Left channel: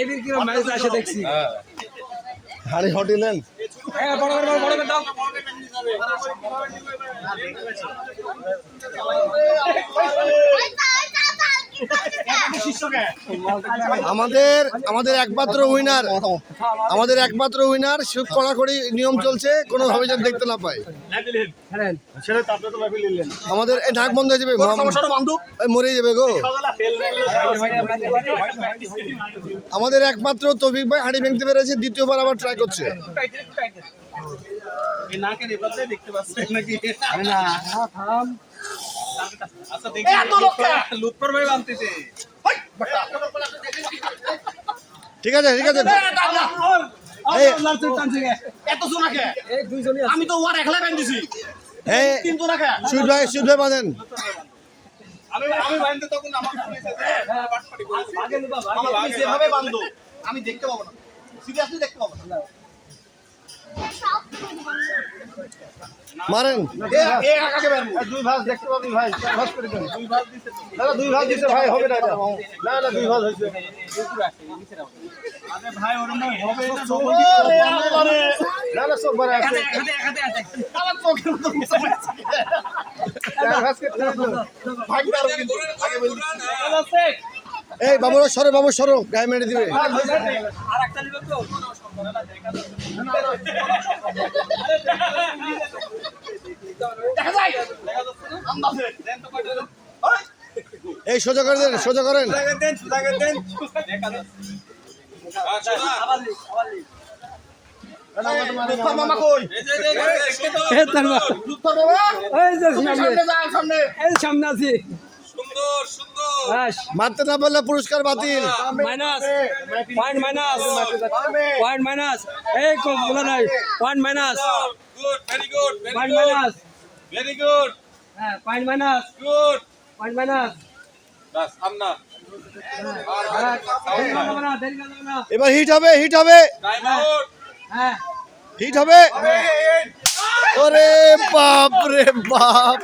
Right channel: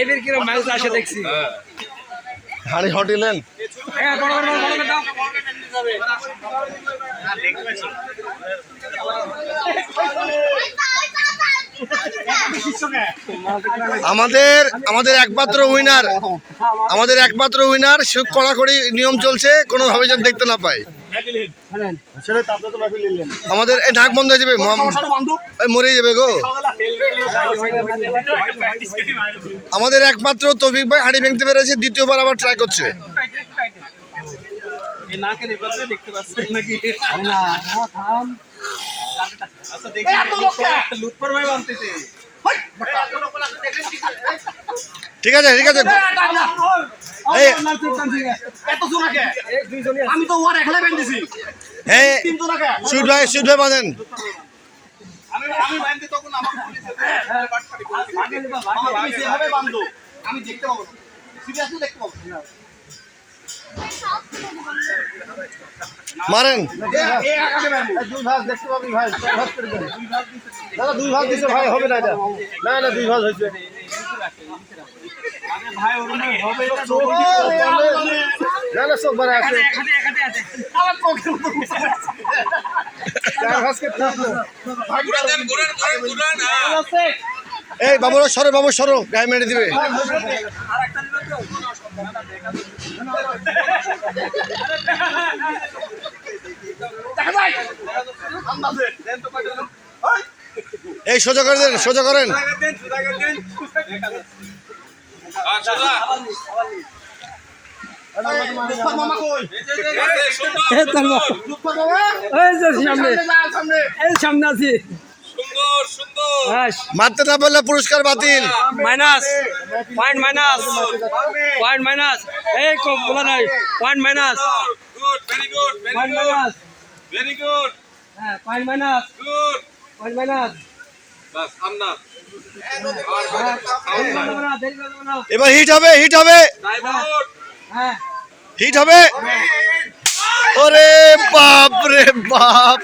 এদের কিরকম ম্যাচ আসে দেখছি হাড়ি হটিলেন আমাদের একমাত্র উইনার কড়াকড়ি নিয়ম চলছে কোনোভাবে যেন দেখতে না পাই আমাদের এই নাক বন্ধ হয়ে যাবে মরে যাবে গো আমাদের একমাত্র তৌফিক ভাই হাড়ি ভেঙতে পেরেছে দ্বিতীয়বার আবার ট্রাই করছে ঠিক আছে আমি তো ওর একলা ব্যান্ড দিছি সুইট ভাই বাঁধেন আমি দেখতে পাবো না সিরিয়াসলি দেখতে পাবো না মারেন দুই ভাগ দেখতে পাবি ভাই দুই ভাগ দিছে ভাই হবে না এটা না দুই ভাগ হইছে আরে ভাই ওর না হবে এটা না সব বড় আছে আমার পকেট মতো ভাই এই বাবু সরো গায়ে মেরে দিবে আরেকটা দিবে তো এই সোজা করেন মামা কই সামনে আছি মারতে না পারলে পুরস্কার বাতিল পয়েন্ট মাইনাস এই বলা নাই পয়েন্ট মাইনাস Very good. হ্যাঁ পয়েন্ট মাইনাস বাস আমনা দেরি করব না এবার হিট হবে টাইম আউট হ্যাঁ হিট হবে ওরে বাপ রে বাপ